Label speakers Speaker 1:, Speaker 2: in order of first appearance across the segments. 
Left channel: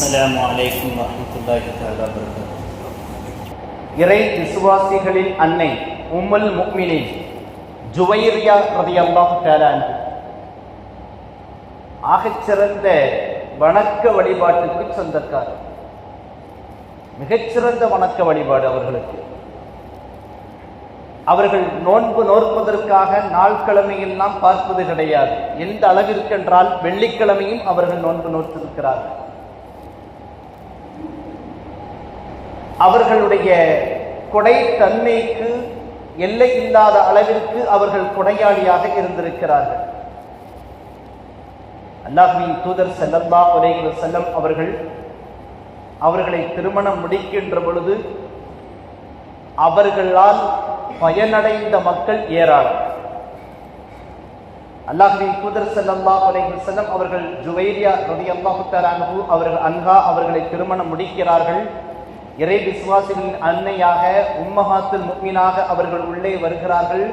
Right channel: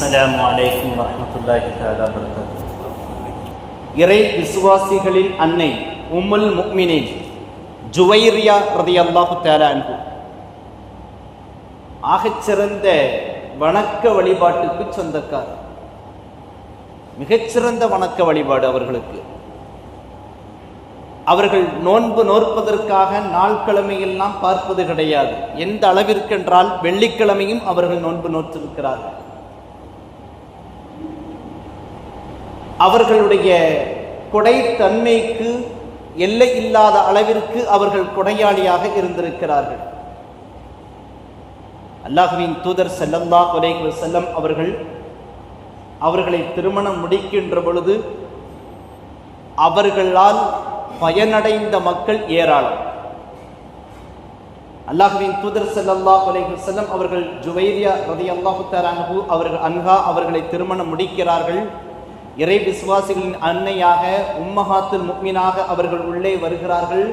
Speaker 1: அஸ்லாம் வலைக்கம் வரமத்துல்லாஹி
Speaker 2: இறை விசுவாசிகளின் அன்னை உம்மல் முக்மினின் ஜுவைரியா பிரதி அல்லாஹு தாலான் ஆகச்சிறந்த வணக்க வழிபாட்டுக்கு சொந்தக்கார். மிகச்சிறந்த வணக்க வழிபாடு அவர்களுக்கு. அவர்கள் நோன்பு நோற்பதற்காக நாள்கிழமையெல்லாம் பார்ப்பது கிடையாது. எந்த அளவிற்கென்றால் வெள்ளிக்கிழமையும் அவர்கள் நோன்பு நோற்றிருக்கிறார்கள் அவர்களுடைய கொடை தன்மைக்கு எல்லை இல்லாத அளவிற்கு அவர்கள் கொடையாளியாக இருந்திருக்கிறார்கள். அல்லாஹுவின் தூதர் செல்லல்லா உலக செல்லம் அவர்கள் அவர்களை திருமணம் முடிக்கின்ற பொழுது அவர்களால் பயனடைந்த மக்கள் ஏராளம். அல்லாஹுவின் தூதர் செல்லல்லா உலக செல்லம் அவர்கள் ஜுவைரியா ரதி அல்லாஹு அவர்கள் அன்ஹா அவர்களை திருமணம் முடிக்கிறார்கள். இறை விசுவாசிகளின் அன்னையாக உம்மஹாத்துல் முக்மீனாக அவர்கள் உள்ளே வருகிறார்கள்.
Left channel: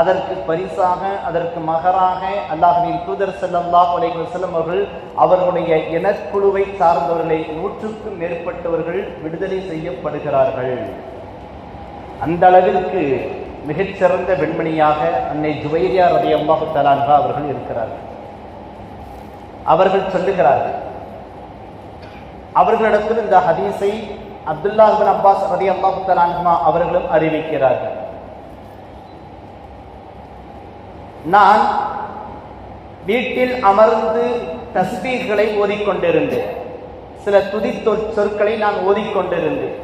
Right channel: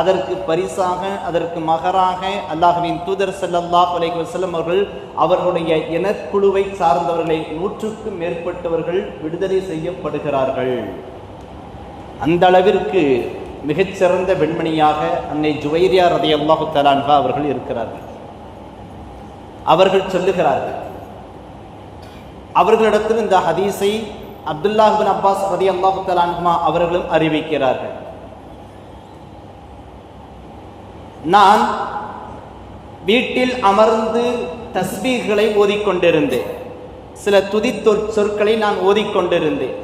Speaker 2: அதற்கு பரிசாக அதற்கு மகராக அல்லாஹுவின் தூதர் செல்லல்லா அலைகள் வஸல்லம் அவர்கள் அவர்களுடைய இனக்குழுவை சார்ந்தவர்களை நூற்றுக்கும் மேற்பட்டவர்கள் விடுதலை செய்யப்படுகிறார்கள். அந்த அளவிற்கு மிகச்சிறந்த பெண்மணியாக அன்னை ஜுவைரியா ரதை அல்லாஹு தலான்ஹா அவர்கள் இருக்கிறார்கள். அவர்கள் சொல்லுகிறார்கள் அவர்களிடத்தில் இந்த ஹதீஸை அப்துல்லாஹ் பின் அப்பாஸ் ரதி அல்லாஹுமா அவர்களும் அறிவிக்கிறார்கள். நான் வீட்டில் அமர்ந்து தஸ்பீகளை ஓதிக்கொண்டிருந்தேன். சில துதி சொற்களை நான் ஓதிக்கொண்டிருந்தேன்.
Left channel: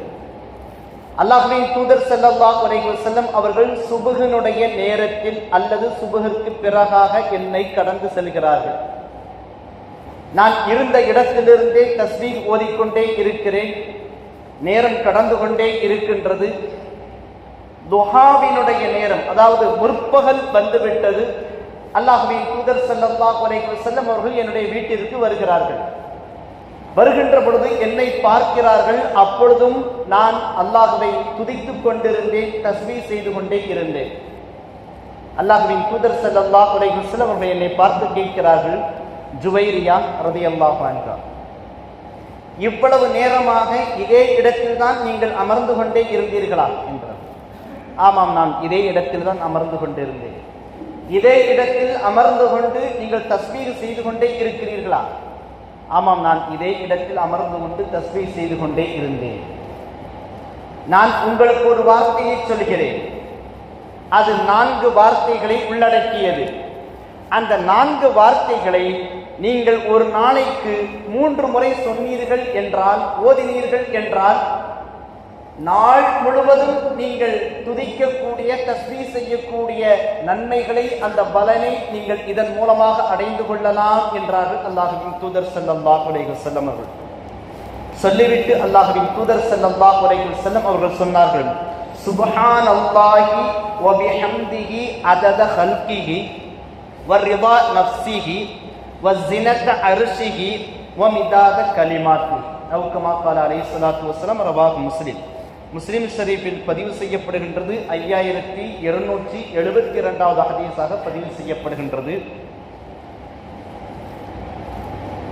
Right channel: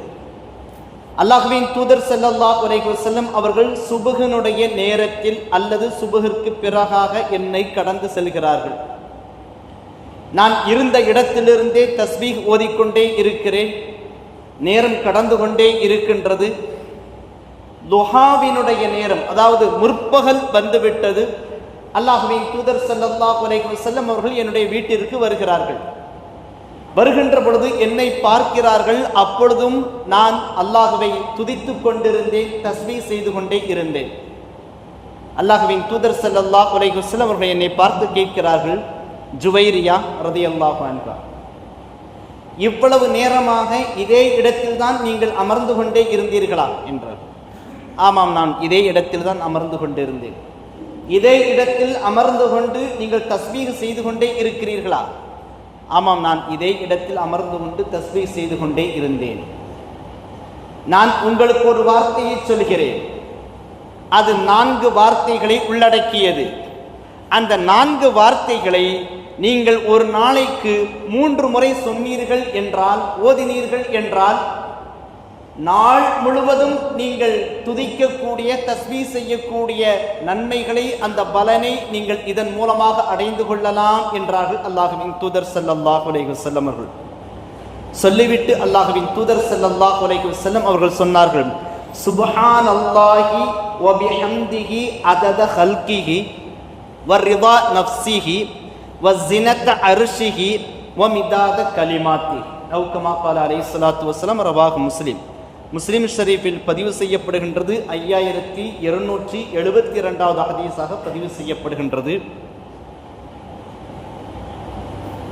Speaker 2: அல்லாஹுவின் தூதர் செல்லல்லா அலைஹி செல்லும் அவர்கள் சுபுகனுடைய நேரத்தில் அல்லது சுபுகிற்கு பிறகாக என்னை கடந்து செல்கிறார்கள். நான் இருந்த இடத்திலிருந்தே தஸ்பீக் ஓதிக்கொண்டே இருக்கிறேன். நேரம் கடந்து கொண்டே இருக்கின்றது. துஹாவினுடைய நேரம் அதாவது முற்பகல் வந்துவிட்டது. அல்லாஹுவின் தூதர் ஸல்லல்லாஹு அலைஹி செல்லும் அவர்கள் என்னுடைய வீட்டிற்கு வருகிறார்கள். வருகின்ற பொழுது என்னை பார்க்கிறார்கள். அப்பொழுதும் நான் அல்லாஹுவை துதித்துக் கொண்டிருந்தேன் தஸ்மி செய்து கொண்டே இருந்தேன். அல்லாஹுவின் தூதர் செல்லல்லா அலைஹி செல்லும் அவர்கள் என்னை பார்த்து கேட்கிறார்கள் ஜுவைரியா ரதியல்லாஹு அன்ஹா. இவ்வளவு நேரமாக இதே இடத்தில் தான் நீங்கள் அமர்ந்து கொண்டே இருந்தீர்களா? என்றார். ஆமாம் நான் இதே இடத்தில் தான் அமர்ந்து கொண்டிருந்தேன். இதே இடத்தில் அமர்ந்து கொண்டு நீங்கள் தஸ்வீர் செய்து கொண்டே இருக்கிறீர்களா? ஆமாம் நான் இதே இடத்தில் அமர்ந்து கொண்டு தஸ்வீர் செய்து கொண்டே இருந்தேன். நான் உங்களுக்கு ஒரு வார்த்தையை சொல்கிறேன். அது நான்கு வார்த்தைகளை உள்ளடக்கியது. அந்த நான்கு வார்த்தைகளை நீங்கள் ஒரு நாளைக்கு மூன்று முறை சொன்னீர்கள் என்றால் ஓதினீர்கள் என்றால் நாள் முழுவதும் நீங்கள் துதிக்கக்கூடிய தஸ்மீ செய்யக்கூடிய நன்மைகளை அந்த பலனை நீங்கள் இதன் மூலமாக அடைந்து கொள்ளலாம் என்றார்கள் அல்லாஹுவின் தூதர் ஸல்லல்லாஹு உலக செல்லம் அவர்கள். சொல்லிவிட்டு அல்லாஹுவின் தூதர் ஸல்லல்லாஹு அலைஹி செல்லம் அவர்கள் சொன்னார்கள் சுபஹான் அல்லாஹி ஒபிஹம்திஹி அதத ஹல்கிஹி வ ரிதா நஃப்ஸிஹி அர்ஷிஹி வமிதாத கலிமாத்தி நவுக்கமா பால அலை சலாத்து வஸலாம் ரவாஹு முஸ்லிம். முஸ்லீம் ஷரீஃபில் பதிவு செய்யப்படுகின்றது ஐயாயிரத்தி இருநூற்றி எழுபத்தி இரண்டாவது ஹதீஸாக பதிவு செய்யப்படுகின்றது.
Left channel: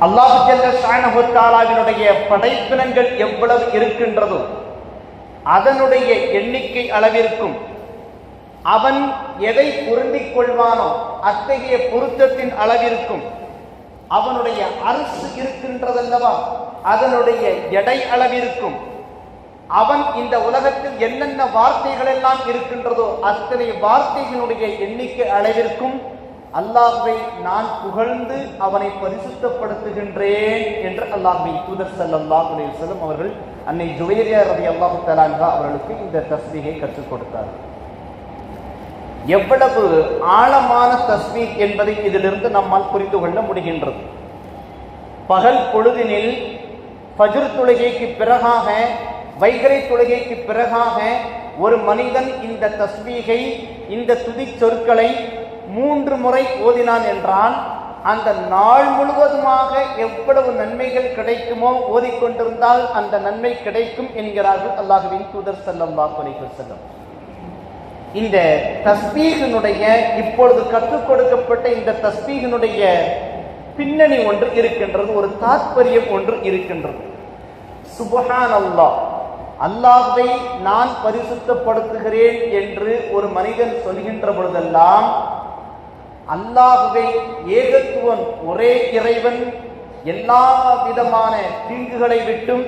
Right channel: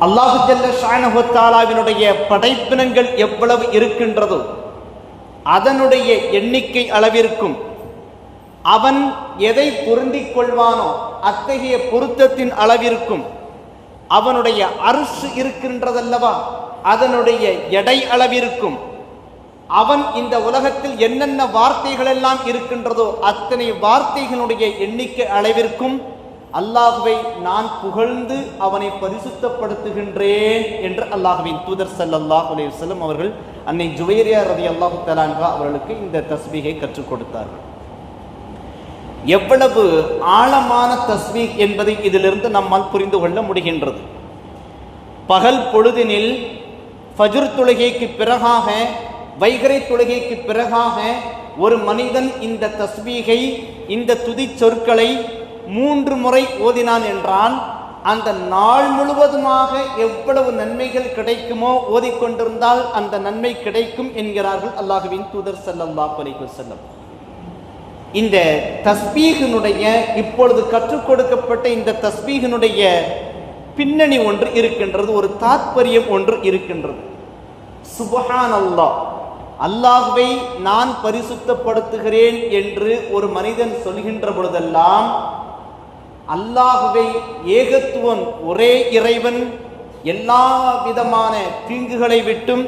Speaker 2: அல்லாஹு ஜல்ல படைப்பினங்கள் எவ்வளவு இருக்கின்றதோ அதனுடைய எண்ணிக்கை அளவிற்கும் அவன் எதை பொருந்திக் கொள்வானோ அத்தகைய பொருத்தத்தின் அளவிற்கும் அவனுடைய அரசு இருக்கின்றதல்லவா? அதனுடைய எடை அளவிற்கும் அவன் இந்த உலகத்தில் என்னென்ன வார்த்தைகள் எல்லாம் இருக்கின்றதோ அத்தனை வார்த்தைகளுடைய எண்ணிக்கை அளவிற்கும். அல்லாஹுவை நான் புகழ்ந்து அவனை பரிசுத்தப்படுத்துகின்றேன் என்று அல்லாஹுவின் தூதர் ஸல்லல்லாஹு அலைஹி வஸல்லம் அவர்கள் அன்னை ஜுவைரியா ரலியல்லாஹு தஆலா அவர்களுக்கு இந்த தஸ்பீகை கற்றுக் கொடுத்தார்கள். எவ்வளவு ஆழமான தஸ்பீக் என்பதை இதிலிருந்து நம்மால் புரிந்து கொள்ள முடிகின்றது. பகல் பொழுதினில் ஃபஜ்ர் தொழுகைக்கு பிறகாக வைகரை தொழுகைக்கு பிறகாக ஒரு மனிதன் இந்த தஸ்பீகை இந்த துதி சொற்களை மூன்று முறை ஓதினான் என்றால் அந்த நாள் முழுவதுமாக எவ்வளவு நன்மைகள் கிடைக்குமோ ஓதிக்கொண்டிருந்தால் அந்த நன்மை கிடைக்கும் என்கிறார்கள் அல்லாஹுவின் தூதர் செல்லம் அலைஹி செல்லம் இந்த தஸ்பீகினுடைய இப்பொழுது கற்றுக் கொடுக்கப்பட்ட இந்த தஸ்பீகனுடைய பின்னணி ஒன்று இருக்கின்றது ஒரு தாற்பயம் ஒன்று இருக்கின்றது. சுபஹான் அல்லாஹ் அல்லாஹ்வை நான் பரிசுத்தப்படுத்துகிறேன் என்று ஒரு மனிதன் சொல்கின்ற பொழுதெல்லாம் அல்லாஹுவை ஏகத்துவன் ஒரே இறைவன் எல்லா விதமான தீங்குகளை விட்டும்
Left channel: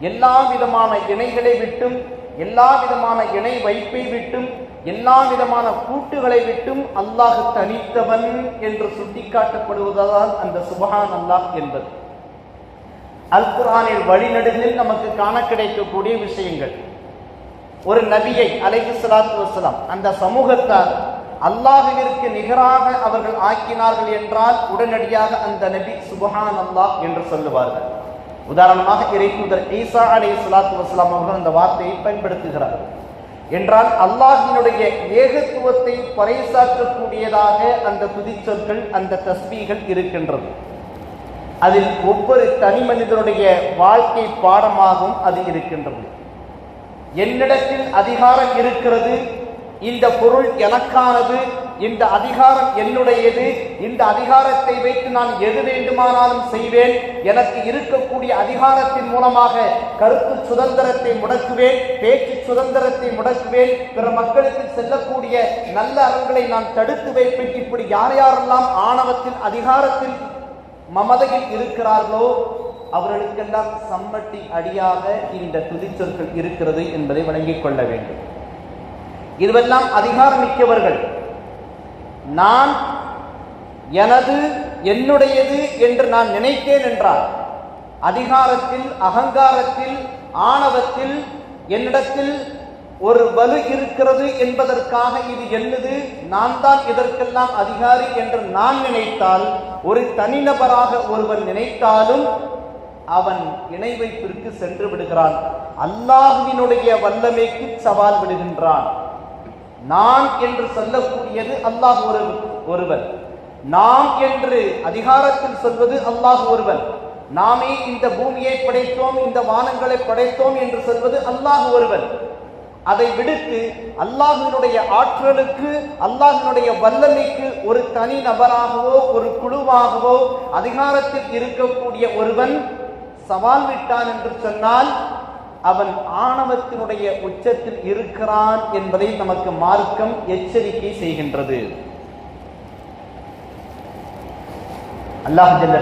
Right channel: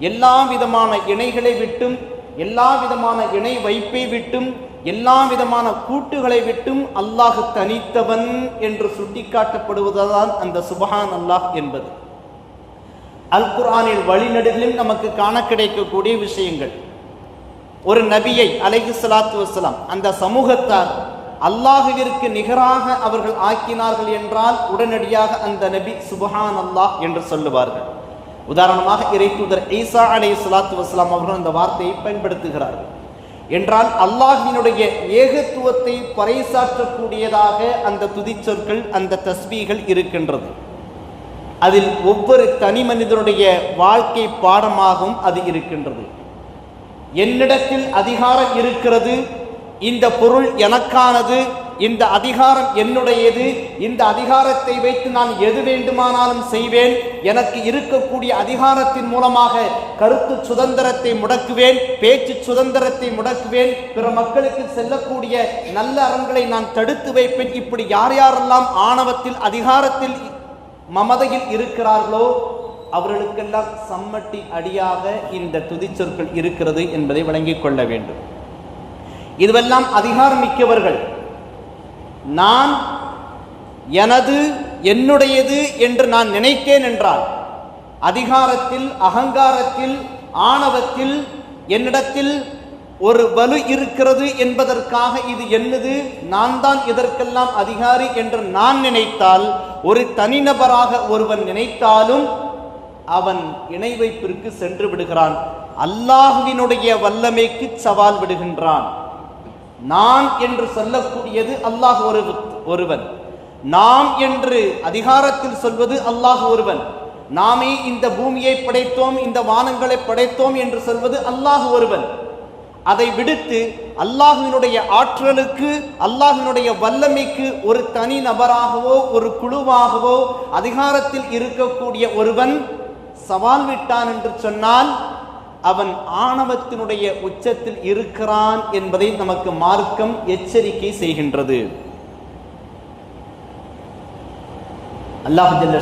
Speaker 2: எல்லா விதமான இணைகளை விட்டும் எல்லா விதமான இணை வைப்பை விட்டும் எல்லா விதமான கூட்டுகளை விட்டும் அல்லாஹ் தனித்தவன் என்று சுட்டிக்காட்டப்படுவதுதான் அந்த சுபஹான் அல்லாஹ் என்பது. அல் குரானின் வழிநடுகளில் நமக்கு காண கிடைக்கக்கூடிய விஷயங்கள். ஒரு நபியை அலைஹி சலாத்து வசலாம் அந்த சமூகத்தார் அல்லாஹுவிற்கு நிகராக அவர்கள் ஆக்கினார்கள் என்றால் உடனடியாக அந்த நபி சுபஹான் அல்லாஹ் என்று சொல்லுவார்கள். உதாரணமாக இறைத்தூதர் ஈசா அலைஹி ஸலாத்து வஸலாம் அவர்கள் அந்த வார்த்தையை பயன்படுத்துகிறார். என்றால் அல்லாஹினுடைய ஏகத்துவத்தை பறைசாற்றக்கூடியதாக அந்த துதிச்சொற்கள் அந்த தஸ்பீகள் இருக்கின்றது. அதில் ஒவ்வொரு தனி மனிதனுடைய வாழ்க்கை பாடமாகவும் அது இருக்கின்றது. என்னிடத்தில் அதிகாரம் இருக்கிறது இந்த பொருள் எனக்கானது இந்த அதிகாரம் என்னுடையது? இந்த அதிகாரத்தை வைத்து நான் எது வேண்டுமானாலும் செய்வேன். எனக்கு இருக்கக்கூடிய அதிகாரத்தின் மூலமாக கருத்து சுதந்திரத்தை முடக்குவேன் பேச்சு சுதந்திரத்தை முடக்குவேன். பிற மக்களுக்கு செல்லக்கூடிய நல்ல அறங்களை நான் தடுத்து வைப்பேன். இப்படி யார் யாரெல்லாம் ஆணவத்தில் அதிகாரத்தில் மமதையில் இருக்கிறார்களோ அவர்களுக்கெல்லாம் சம்மட்டி அடியாக இந்த துதிச்சொற்கள் இருக்கிறது என்பதை விளங்கிக் கொள்ள வேண்டும். இதுவெல்லாம் அதிகாரம் மிக்கவர்கள். நான் எனது என்னுடையது என்று நான் நினைத்தேன் என்றால் அதிகாரத்தில் அகங்காரத்தில் ஆணவத்தில் என்னிடத்தில் ஒரு வலு இருக்கிறது என்பதற்காக இது என்னது? நான் தான் இதற்கெல்லாம் அதிகாரி என்று நான் நினைத்தால் ஒரு தனிநபராக ஒருவன் நினைத்தாலும் அவன் இணை வைப்பிற்கு சென்று விடுகிறான். அல்லாஹுவினுடைய வல்லமைக்கு சவால் விடுகின்றான். நான் என்று சொல்லக்கூடியது அல்லாஹ் ஒரு ஒருவன். நாம் என்று அதிகாரத்தில் சொல்வது அல்லாஹ் ஒருவன். நாமே இந்த பூமியை படைத்தோம் இந்த வானங்களை படைத்தோம் என்று சொல்வது அல்லாஹ் ஒருவன். அதை விடுத்து அல்லாஹினுடைய ஆற்றலுக்கு அல்லாஹினுடைய வல்லமைக்கு ஒரு தனி நபராகவோ ஒரு குழுவாகவோ அதிகாரத்தில் இருக்கக்கூடிய ஒருவன் சவால் விட்டான் என்று சொன்னால் அவன் ஆணவத்தினுடைய உச்சத்தில் இருக்கிறான் என்பதை நமக்கு மார்க்கம் எச்சரிக்கை செய்கின்றது. அல்லாஹ் ஜல்ல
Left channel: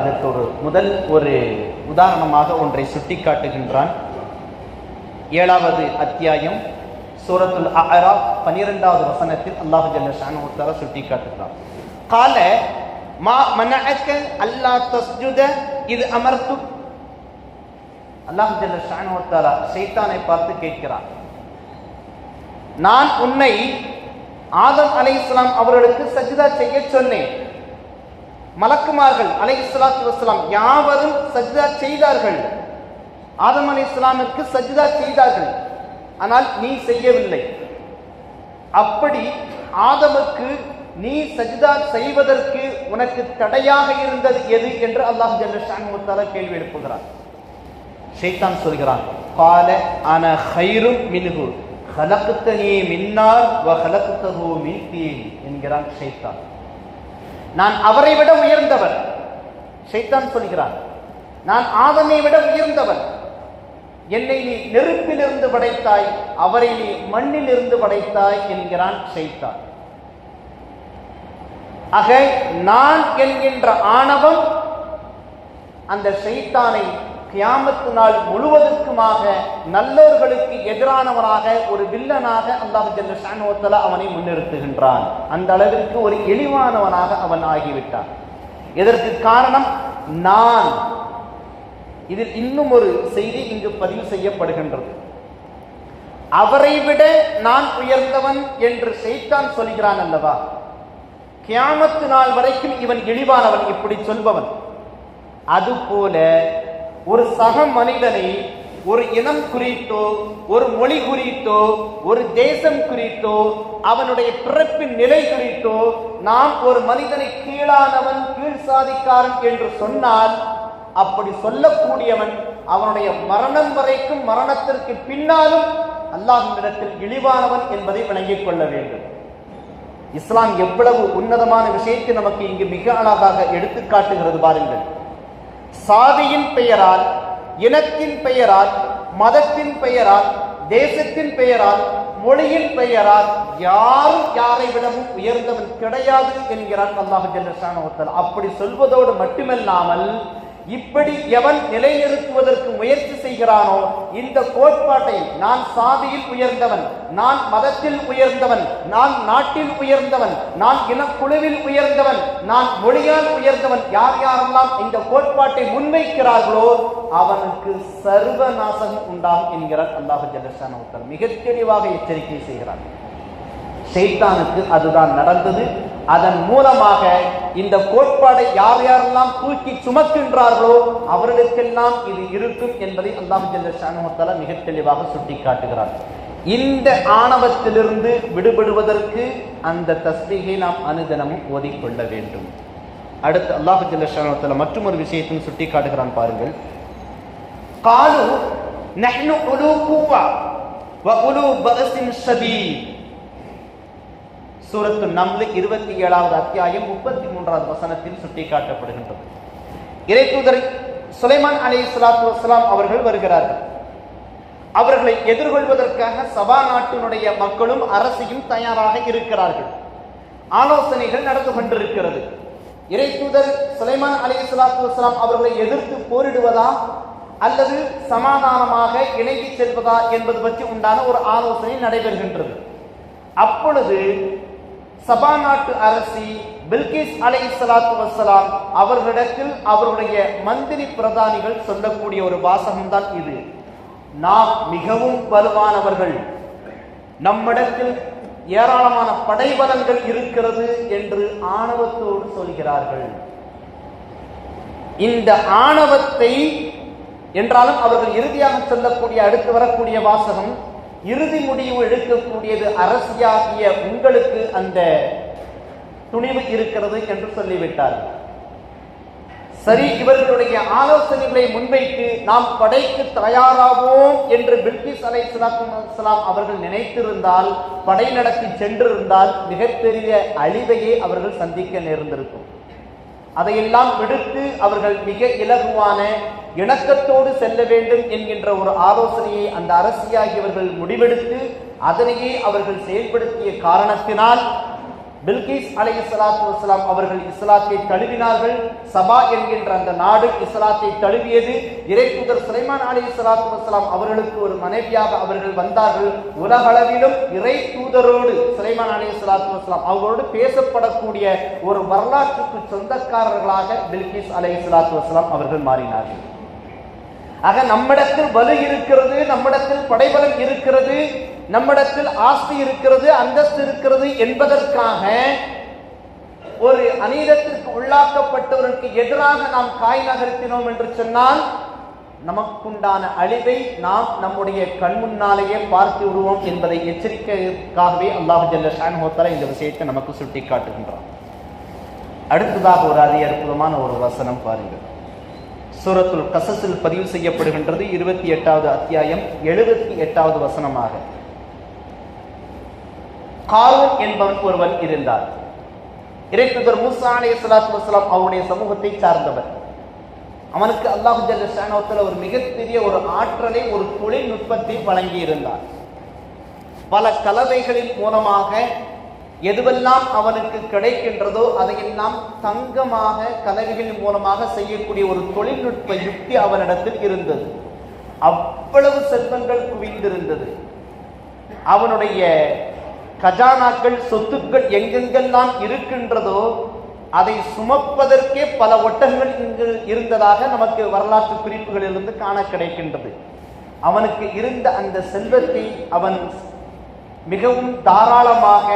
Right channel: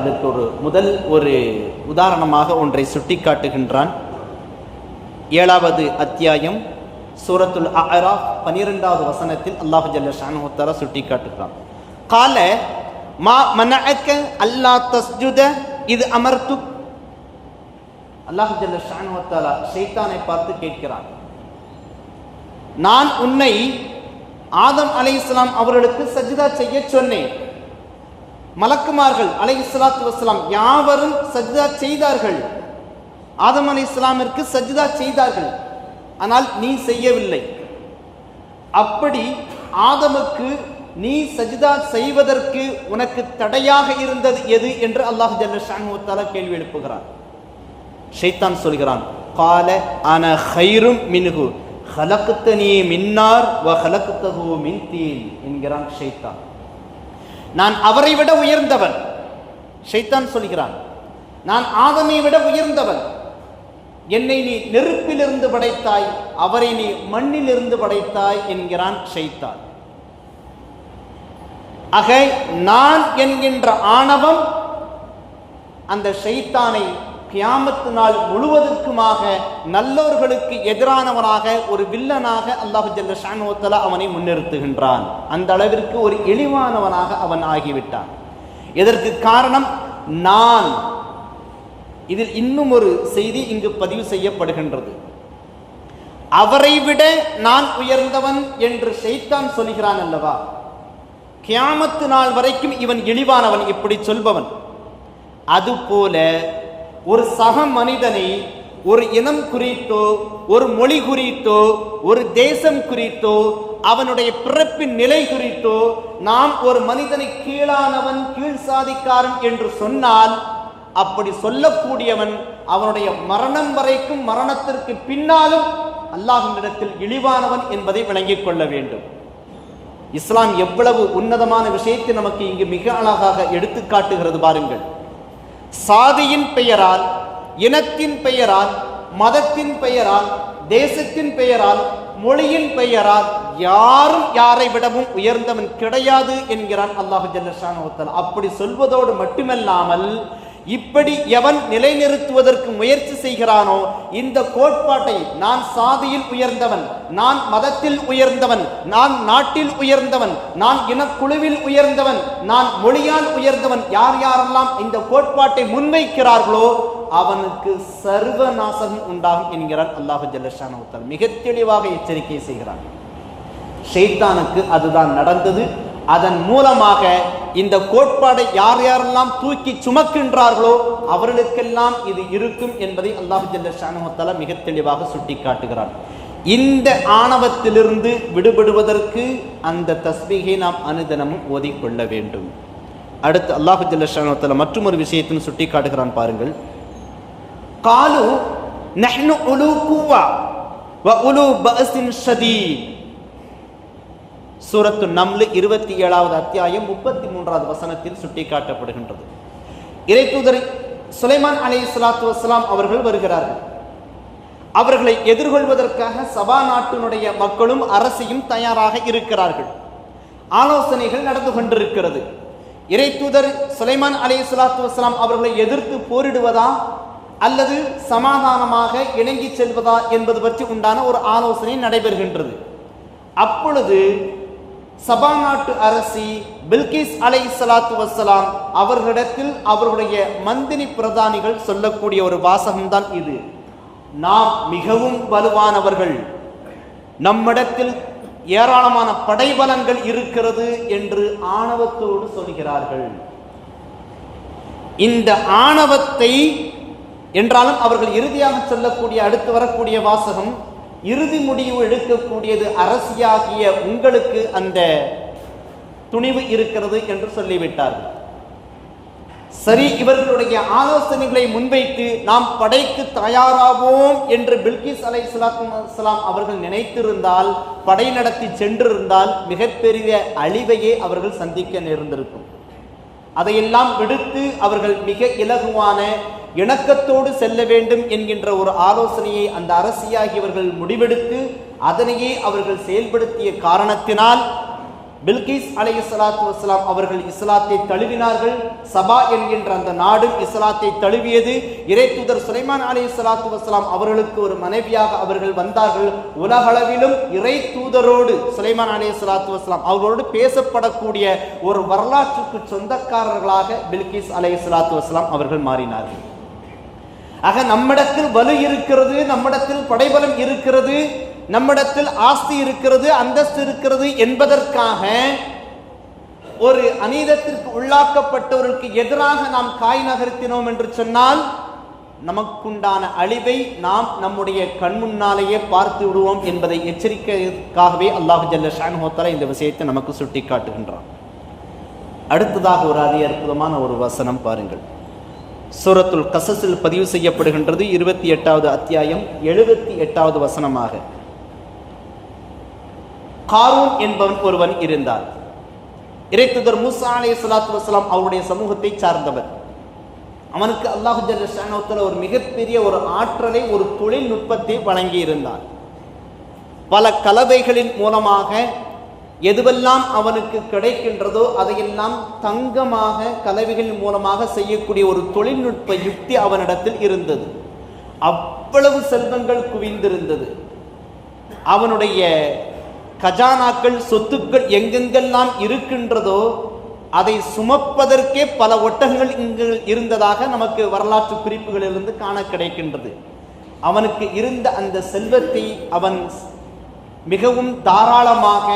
Speaker 2: இதற்கு ஒரு முதல் ஒரு உதாரணமாக ஒன்றை சுட்டிக்காட்டுகின்றான். ஏழாவது அத்தியாயம் சூரத்துல் அஹரா பனிரெண்டாவது வசனத்தில் அல்லாஹ் ஜல்ல ஷானவத்தாலா சுட்டிக்காட்டுகிறான். கால மா மனஅக்க அல்லா தஸ்ஜுத இது அமர்த்து அல்லாஹ் ஜல்ல ஷானவத்தாலா ஷைத்தானை பார்த்து கேட்கிறான். நான் உன்னை ஆதம் அலைஹிஸ்ஸலாம் அவர்களுக்கு சஜிதா செய்ய சொன்னேன். மலக்குமார்கள் அலை இஸ்லாத்து வசலாம் யாவரும் சஜிதா செய்தார்கள். ஆதம் அலை இஸ்லாமிற்கு சஜிதா செய்தார்கள். ஆனால் நீ செய்யவில்லை. அப்படி ஆதமுக்கு நீ சஜிதா செய்வதற்கு உனக்கு தடையாக இருந்தது எது என்று அல்லாஹ் ஜல்ல கேள்வி எழுப்புகிறார். ஷைத்தான் சொல்கிறான் கால அன ஹைரும் மின்ஹு ஹலக்குத்தனி மின்னார் வ ஹலக்குத்தஹு மின் தீன் என்கிறான் ஷைத்தான். நான் அவரை விட உயர்ந்தவன் ஷைத்தான் சொல்கிறான். நான் ஆதமை விட உயர்ந்தவன் என்னை நீ நெருப்பிலிருந்து படைத்தாய் அவரை நீ மண்ணிலிருந்து படைத்தாய் என்கிறான் ஷைத்தான். ஆக நான் என்கின்ற ஆணவம் அந்த ஷைத்தானை கியாமத்து நாள் முழுவதற்குமாக நல்லவர்களுக்கு எதிரானவனாக ஒரு வில்லனாக அல்லாஹு ஜல்ல அவனை முன்னிறுத்துகின்றான். அந்த அளவிற்கு ஒரு இழிவானவனாக அவன் ஆகிவிட்டான். இதற்கு காரணம் நான். இதில் இன்னும் ஒரு செய்தி இங்கு பதிவு செய்யப்படுகின்றது. அவரை விட நான் உயர்ந்தவன் என்று செய்தான் சொல்கிறான் அல்லவா? கியாமத்து நாள் வரைக்கும் இவன் இழிவானவன் இப்படி சொல்பவன். அதுபோல ஒரு சக மனிதனை ஒரு இனம் குறித்தோ ஒரு மொழி குறித்தோ ஒரு தேசம் குறித்தோ அவனுடைய பிறப்பின் நிலை குறித்தோ நாம் ஒரு மனிதனை கீழானவன் கீழ் சாதிக்காரன் என்று சொன்னால் அப்படி சொல்லக்கூடியவன் அவனுடைய மரணம் வரைக்கும் மரணத்திற்கு பின்னாலும் அல்லாஹ்விடத்தில் இழிவானவன் என்பதை விளங்கிக் கொள்ள வேண்டும். இஸ்லாம் எவ்வளவு உன்னதமான விஷயத்தை நமக்கு இங்கு மிக அழகாக எடுத்துக்காட்டுகிறது பாருங்கள். சாதியின் பெயரால் இனத்தின் பெயரால் மதத்தின் பெயரால் தேசத்தின் பெயரால் மொழியின் பெயரால் யாரும் யாரை விடவும் உயர்ந்தவன் கிடையாது என்கிறான் அல்லாஹு ஜல்லஷான் அப்படி சொல்வதோடு மட்டுமல்லாமல் இப்படி எவன் நிலைநிறுத்துவதற்கு முயற்சி செய்கிறானோ இந்த கோட்பாட்டை நான் சாதியில் உயர்ந்தவன் நான் மதத்தில் உயர்ந்தவன் நான் நாட்டில் உயர்ந்தவன் நான் இனக்குழுவில் உயர்ந்தவன் நான் மொழியால் உயர்ந்தவன் யார் யாரெல்லாம் இந்த கோட்பாட்டை முன்வைக்கிறார்களோ அவனுக்கு சர்வ நாசகம் உண்டாகும் என்கிறார் அல்லாஹு ஜல்லஷான் மிக தெளிவாக எச்சரிக்கை செய்கிறான். ஷெய்தானுக்கு அதுதான் நடந்தது. அதன் மூலமாக இந்த கோட்பாடை யார் யாரெல்லாம் தூக்கி சுமக்கின்றார்களோ அவர்களுக்கெல்லாம் இது இருக்கும் என்பதை அல்லாஹு ஜல்ல மிக தெளிவாக சுட்டி காட்டுகிறான் இந்த ஆணவத்திலிருந்து விடுபடுவதற்கு அந்த தஸ்பீகை நாம் அனுதினமும் ஓதிக்கொள்ள வேண்டும். அடுத்து அல்லாஹு ஜல்ல மற்றும் ஒரு விஷயத்தையும் சுட்டி காட்டுகிறான் பாருங்கள். காலு நஹ்னு உலு கூவா வ உலு பஅஸின் ஷதீத். சூரத்து நம்லு இருபத்தி ஏழாவது அத்தியாயம் முப்பத்தி மூன்றாவது வசனத்தில் சுட்டிக்காட்டப்படுகின்றது. இறைத்தூதர் சுலைமான் அலி சலாத்து வசலாம் அவர்கள் வருகிறார்கள். அவர்களை எதிர்கொள்வதற்காக சபா நாட்டினுடைய மக்களும் அரசியும் தயாராக இருக்கிறார்கள். ஆலோசனைகள் நடந்து கொண்டிருக்கிறது. இறைத்தூதர் சுலைமான் அலி சலாத்து வசலாம் அவர்களை எதிர்த்து போரிடுவதா அல்லது சமாதானமாக இணங்கி செல்வதா என்பது பற்றி உண்டான ஒரு ஆலோசனை நடைபெறுகின்றது. அப்பொழுது சபா நாட்டு அரசி பில்கிஸ் அலை சலாத்து வசலாம் அவர்களிடத்தில் அவருடைய மந்திரி பிரதானிகள் சொல்லக்கூடிய ஒரு வாசகம்தான் இது. நாம் மிகவும் வலுவானவர்கள். நம்மிடத்தில் ஏராளமான படைபலங்கள் இருக்கிறது என்று ஆணவத்தோடு சொல்கிறார்கள். இந்த ஆணவத்தை என்றாலும் அவர்கள் இறுதியாக சொல்லக்கூடிய அடுத்து வரக்கூடிய வாசகம் இறுதி முடிவு எடுக்கக்கூடியது அரசியாகிய உங்களுக்கு அந்த துணிவு இருக்கிறது என்று சொல்லிவிட்டார். சரி இவர்களுடைய ஆலோசனைகளை முன்வைத்து நாம் படைக்கு தயாராகும் என்று பில்கிஸ் அலை சலாம் அவர்கள் நினைத்திருந்தால் படை நடத்தி சென்றிருந்தால் மிகப்பெரிய அழிவையே அவர்கள் சந்திக்க நேர்ந்திருக்கும். அதையெல்லாம் விடுத்து அவர்கள் மிக இலகுவான இணக்கத்தோடு செல்ல வேண்டும் என்கின்ற ஒரு ஆலோசனையை அந்த அரசியாகியவர்கள் முடிவெடுத்து அதனையே அவர்கள் செயல்படுத்திய காரணத்தினால் பில்கிஸ் அலை சலாத்து வசலாம் அவர்கள் இஸ்லாத்தை தழுவினார்கள். சபா என்கின்ற அந்த நாடு இஸ்லாத்தை தழுவியது. இறைத்தூதர் சுலைமான் அலை சலாத்து வசலாம் அவர்களுக்கு ஒரு மனைவியாக அவர்கள் வந்தார்கள். உலகளவிலும் இறை தூதரோடு சுலைமான் அலை சலாத்து வசலாம் அவர்களோடு பேசப்படக்கூடிய ஒரு வரலாற்றுக்கு சொந்தக்காரர்களாக பில்கிஸ் அலை சலாத்து வசலாம் அவர்கள் மாறினார்கள். ஆக நம்மிடத்தில் வலு இருக்கிறது நம்மிடத்தில் படைபலம் இருக்கிறது. நம்மிடத்தில் ஆஸ்தி இருக்கிறது அந்தஸ்து இருக்கிறது என்பதற்காக ஒரு அநீதத்திற்கு உள்ளாக்கப்பட்டவருக்கு எதிராக நாம் காய் நகர்த்தினோம் என்று சொன்னால் நமக்குண்டான அழிவை நாம் நம்முடைய கண் முன்னாலேயே பார்த்து விடுவோம் என்பதை எச்சரிக்கைக்காகவே அல்லாஹு ஜல்ல ஷான்ஹோத்தரா இந்த விஷயத்தை நமக்கு சுட்டி காட்டுகின்றான் அடுத்ததாக ஒரு அரிய அற்புதமான ஒரு வசனம் பாருங்கள். சூரத்துல் கசஸில் பதிவு செய்யப்படுகின்றது இருபத்தி எட்டாவது அத்தியாயம் எழுபத்தி எட்டாவது வசனமாக. காரூன் என்பவன் ஒருவன் இருந்தார் இறைத்துதர் மூசா அலே சலாத்து வசலாம் அவருடைய சமூகத்தை சார்ந்தவர் அவனுக்கு அல்லாஹு ஜல்ல ஒரு மிகப்பெரிய ஒரு ஆற்றலை ஒரு தொழில்நுட்பத்தை வழங்கி இருந்தார் பல கலவைகளின் மூலமாக எதுவெல்லாம் அவனுக்கு கிடைக்கின்றதோ அதையெல்லாம் தங்கமாக கலவைகளின் மூலமாக செய்யக்கூடிய ஒரு தொழில்நுட்ப யுக்தி அவனிடத்தில் இருந்தது. அவ்வளவு செல்வங்கள் குவிந்திருந்தது. அவனுடைய கஜானாக்கள் சொத்துக்கள் எங்கெங்கெல்லாம் இருக்கின்றதோ அதை சுமப்பதற்கே பல ஒட்டகங்கள் இங்கு இருந்ததாக நமக்கு வரலாற்று குறிப்புகளிலிருந்து காண கிடைக்கின்றது. அவனுக்கு இருந்த அந்த செல்வத்தை அவன் மிகவும் தாராளமாக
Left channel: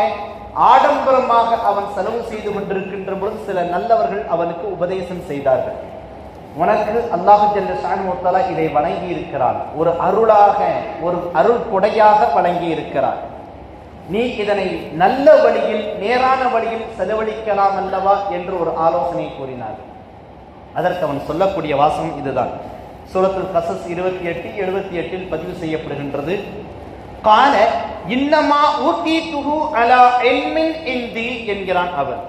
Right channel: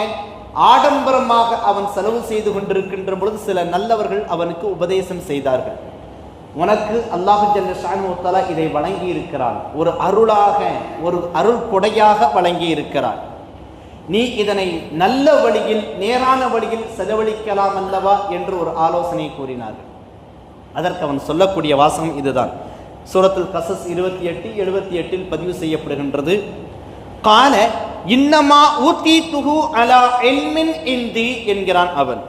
Speaker 2: ஆடம்பரமாக அவன் செலவு செய்து கொண்டிருக்கின்ற பொழுது சில நல்லவர்கள் அவனுக்கு உபதேசம் செய்தார்கள். உனக்கு அல்லாஹு ஜல்ல இதை வழங்கி இருக்கிறான் ஒரு அருளாக ஒரு அருள் கொடையாக வழங்கி இருக்கிறான் நீ இதனை நல்ல வழியில் நேரான வழியில் செலவழிக்கலாம் அல்லவா என்று ஒரு ஆலோசனை கூறினார். அதற்கு அவன் சொல்லக்கூடிய வாசகம் இதுதான். சூரத்தில் கசஸ் இருபத்தி எட்டு எழுபத்தி எட்டில் பதிவு செய்யப்படுகின்றது. கால இன்னமா ஊத்தி துகு அலா எல்மின் இந்தி என்கிறான் அவன்.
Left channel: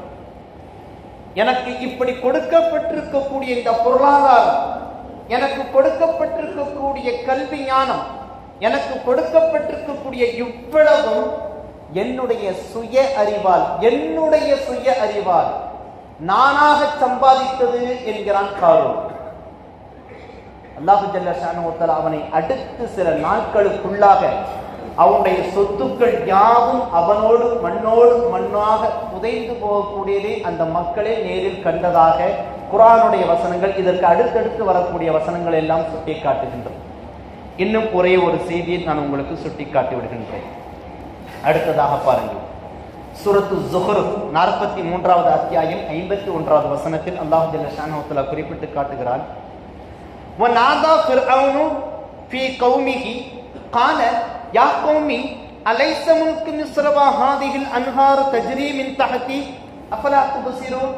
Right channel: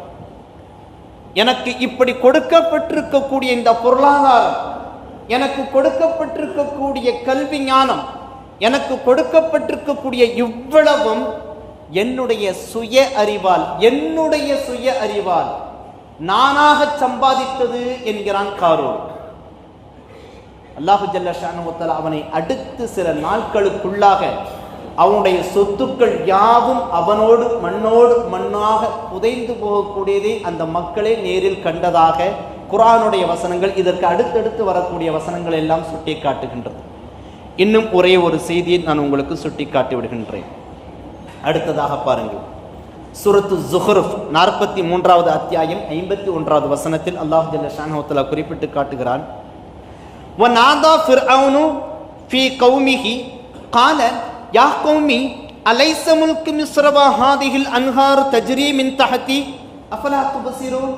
Speaker 2: எனக்கு இப்படி கொடுக்கப்பட்டிருக்கக்கூடிய இந்த பொருளாதாரம் எனக்கு கொடுக்கப்பட்டிருக்கக்கூடிய கல்வி ஞானம் எனக்கு கொடுக்கப்பட்டிருக்கக்கூடிய இவ்வளவும் என்னுடைய சுய அறிவால் என்னுடைய சுய அறிவால் நானாக சம்பாதித்தது என்கிறான் காரோ அல்லாஹு ஜல்ல அவனை அடுத்து சில நாட்களுக்குள்ளாக அவனுடைய சொத்துக்கள் யாவும் அவனோடு மண்ணோடு மண்ணாக புதைந்து போகக்கூடியதை அந்த மக்களே நேரில் கண்டதாக குரானுடைய வசனங்கள் இதற்கு அடுத்தடுத்து வரக்கூடிய வசனங்கள் எல்லாம் சுட்டி காட்டுகின்றது இன்னும் ஒரே ஒரு செய்தியை நான் உங்களுக்கு சுட்டி காட்டி விடுகின்றேன். அடுத்ததாக பாருங்கள். சுரத்து ஜுஹருஃப் நாற்பத்தி மூன்றாவது அத்தியாயம் ஐம்பத்தி ஒன்றாவது வசனத்தில் அல்லாஹ் ஜல்லஷானோத்தலா குறிப்பிட்டு காட்டுகிறான். வநாதா ஃபிர்அவுனு ஃபி கௌமிஹி கால யா கௌமி அலைச முல்கு மிஸ்ரவா ஹாதிஹில் அன்ஹார் தஜ்ரி மின் தஹதி அஃபலா துபசிரூன்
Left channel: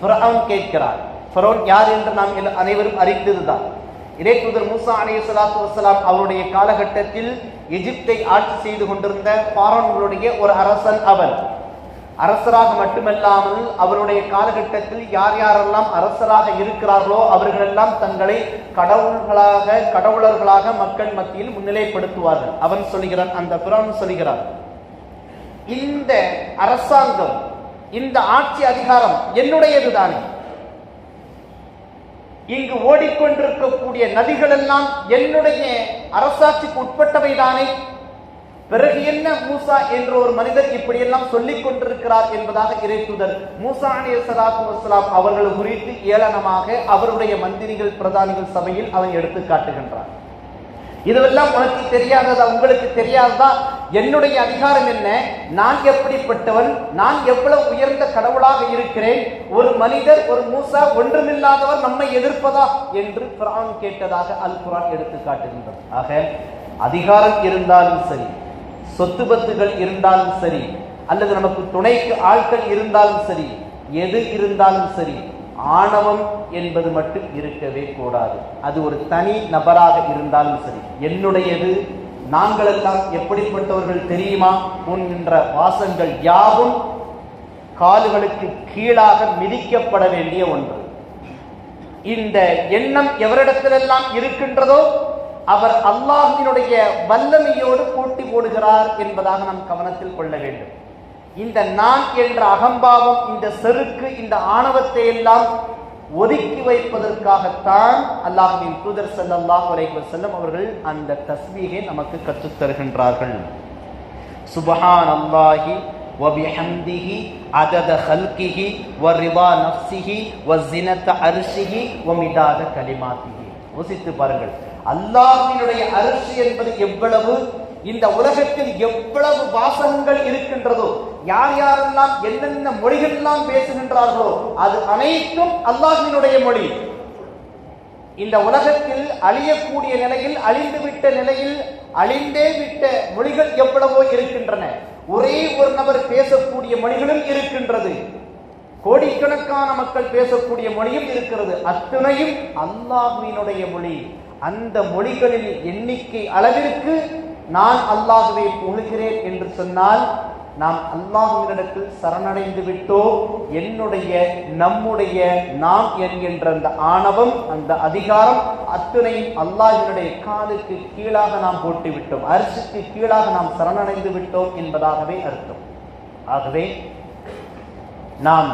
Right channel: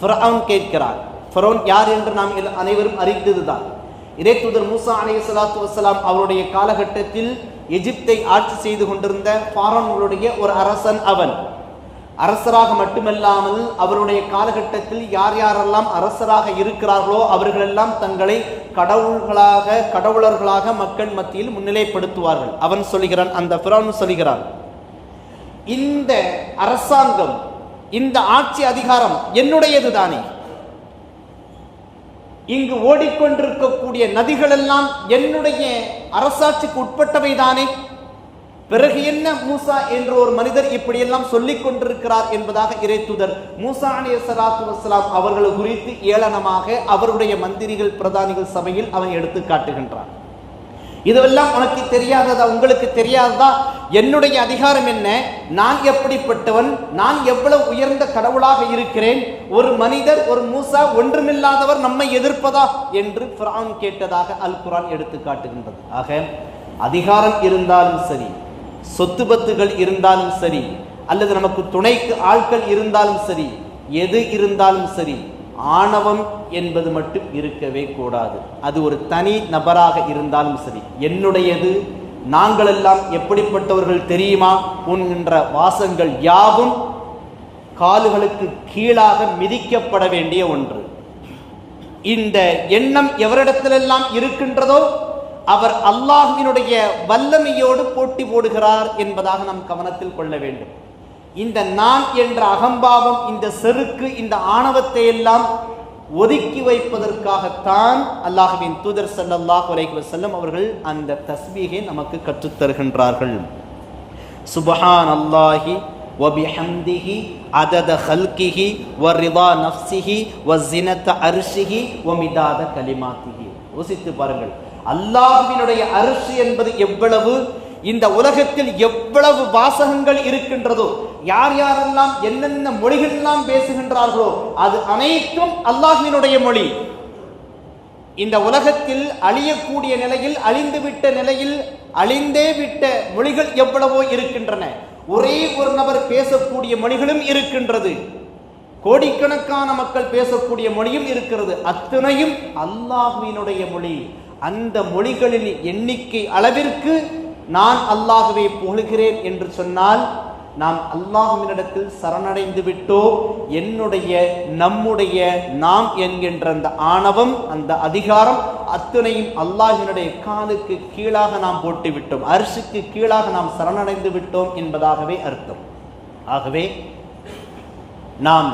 Speaker 2: ஃபிர்அவுன் கேட்கிறார் ஃபரோன் யார் என்று நாம் அனைவரும் அறிந்ததுதான் இதே தூதர் மூசா அலைய சலாத்து வசலாம் அவருடைய காலகட்டத்தில் எகிப்தை ஆட்சி செய்து கொண்டிருந்த பாரோன்களுடைய ஒரு அரசன் அவன். அரசராக மட்டுமல்லாமல் அவருடைய காலகட்டத்தில் யார் யாரெல்லாம் அரசராக இருக்கிறார்களோ அவர்களெல்லாம் தங்களை கடவுள்களாக கடவுளர்களாக மக்கள் மத்தியில் முன்னிலைப்படுத்துவார்கள். அவன் சொல்லுகிறான் அந்த பிறவன் சொல்லுகிறான் இந்த அரசாங்கம் இந்த ஆட்சி அதிகாரம் என்னுடையது தானே? இங்கு ஓடிக்கொண்டிருக்கக்கூடிய நதிகள் எல்லாம் என்னுடைய அரசாட்சிக்கு உட்பட்டவை தானே பிறகு என்ன மூசா என்ற ஒரு மனிதர் இப்படியெல்லாம் சொல்லிக் கொண்டிருக்கிறார் என்பதாக இறைத்துதர் மூசா அணிய சலாத்து வசலாம் அவர்கள் குறித்து ஏளனமாக அவருடைய மந்திரிகள் பிரதானிகள் சபையில் அவன் எடுத்து காட்டுகின்றான். இதெல்லாம் உனக்கு தெரியாததா? உங்களுக்கு தெரியாததா? என்னுடைய அதிகாரம் என்ன? நான் எப்படிப்பட்டவன்? நான் எவ்வளவு உயர்ந்த கடவுளாக இருக்கிறேன்? ஒரு மனிதர் ஒரு மூசா ஒன்றுமில்லாதவர் நம்மை எதிர்ப்பதா? என்று குரான் கேட்டதாக அல் குரான் எடுத்து காட்டுகின்றது. ஆக அதிகாரம் இருந்தாலும் சரி சொத்து பத்துகள் இருந்தாலும் சரி அல்லது நமக்கு துணைக்கு ஆட்கள் இருந்தாலும் சரி எது இருந்தாலும் சரி ஆணவம் என்பது மட்டும் இருக்கவே கூடாது. அது ஒரு தனி நபராக இருந்தாலும் சரி. என்னுடையது? நாங்கள் எல்லாம் எப்படிப்பட்டவர்கள் தெரியுமா? உன்கின்ற வாசங்கள் யாவும் கால்களுக்கு கீழாக மிதிக்கப்பட வேண்டிய ஒன்று. இந்த எண்ணம் எவரிடத்திலெல்லாம் இருக்கின்றதோ அவர் அல்லாஹினுடைய வல்லமையோடு போட்டி போடுகிறார் என்பதாக நாம் கவனத்தில் கொள்ள வேண்டும். இந்த நான் என்ற அகம்பாவம் இந்த செருக்கு இந்த ஆணவத்தை எல்லாம் ஒதுக்கி வைப்பதற்காகத்தான் அல்லாஹ்வின் தூதர் ஸல்லல்லாஹு அலைஹி வஸல்லம் அவர்கள் அந்த தஸ்பீகை நமக்கு கற்றுத் தருகின்றார்கள் சுபஹான் அல்லாஹி وبحمده عدد خلقه ورضا نفسه وزنة عرشه ومداد كلماته யோசித்து பாருங்கள் அல்லாஹ்வினுடைய அரிசி என்பது எவ்வளவு இந்த உலகத்தில் எவ்வளவு வாசகங்கள் இருக்கின்றதோ யார் யாரெல்லாம் என்னென்ன மொழிகள் எல்லாம் பேசுகின்றார்களோ அது அனைத்தும் அல்லாஹினுடைய மொழி. இந்த உலகத்தில் அழியக்கூடிய நிலையில் அழிந்துவிட்ட நிலையில் அழிந்தே விட்ட மொழிகள் எவ்வளவோ இருக்கின்றன. ஒரே ஒரு நபர் பேசக்கூடிய மொழிகளும் இருக்கின்றது. கோடிக்கணக்கான மக்கள் பேசக்கூடிய மொழியும் இருக்கிறது. அத்தனையும் அல்லாஹ்வினுடைய மொழி. அந்த மொழிகளின் எண்ணிக்கை அளவிற்கு நான் அல்லாஹுவை புகழ்கிறேன் என்று சொன்னால் நாம் அல்லாஹுவினிடத்தில் சரணடைந்து விட்டோ என்னுடைய நம்முடைய நாம் என்கின்ற அந்த ஆணவம் அந்த அதிகாரம் அத்தனையும் அல்லாஹினுடைய காலுக்கு கீழாக நாம் போட்டு விட்டோம் அரிசிக்கு கீழாக நாம் சரணடைந்து விட்டோம் என்பதாகவே அர்த்தம். ஆகவே நாம்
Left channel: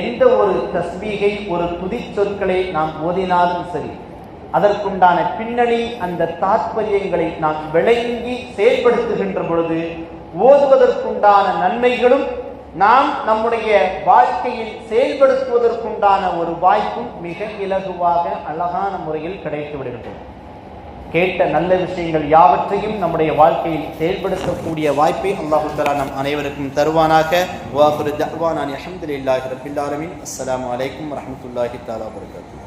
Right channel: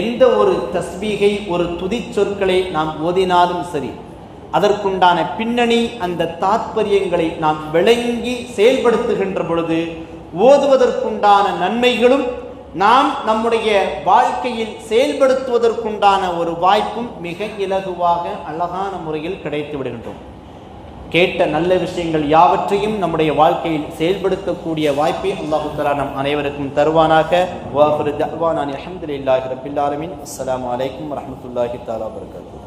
Speaker 2: எந்த ஒரு தஸ்பீகை ஒரு துதி சொற்களை நாம் ஓதினாலும் சரி அதற்குண்டான பின்னணி அந்த தாத்பரியங்களை நாம் விளங்கி செயல்படுத்துகின்ற பொழுது ஓதுவதற்குண்டான நன்மைகளும் நாம் நம்முடைய வாழ்க்கையில் செயல்படுத்துவதற்குண்டான ஒரு வாய்ப்பும் மிக இலகுவாக அழகான முறையில் கிடைத்து விடுகின்றோம் கேட்ட நல்ல விஷயங்கள் யாவற்றையும் நம்முடைய வாழ்க்கையில் செயல்படுத்தக்கூடிய வாய்ப்பை அல்லாஹு தலா நம் அனைவருக்கும் தருவானாக. வாஹுரு தஅவானா அல்ஹம்துலில்லாஹி ரப்பில் அஸ்லாம் வலைக்கம் அலைக்கும் தாலா வர்கத்து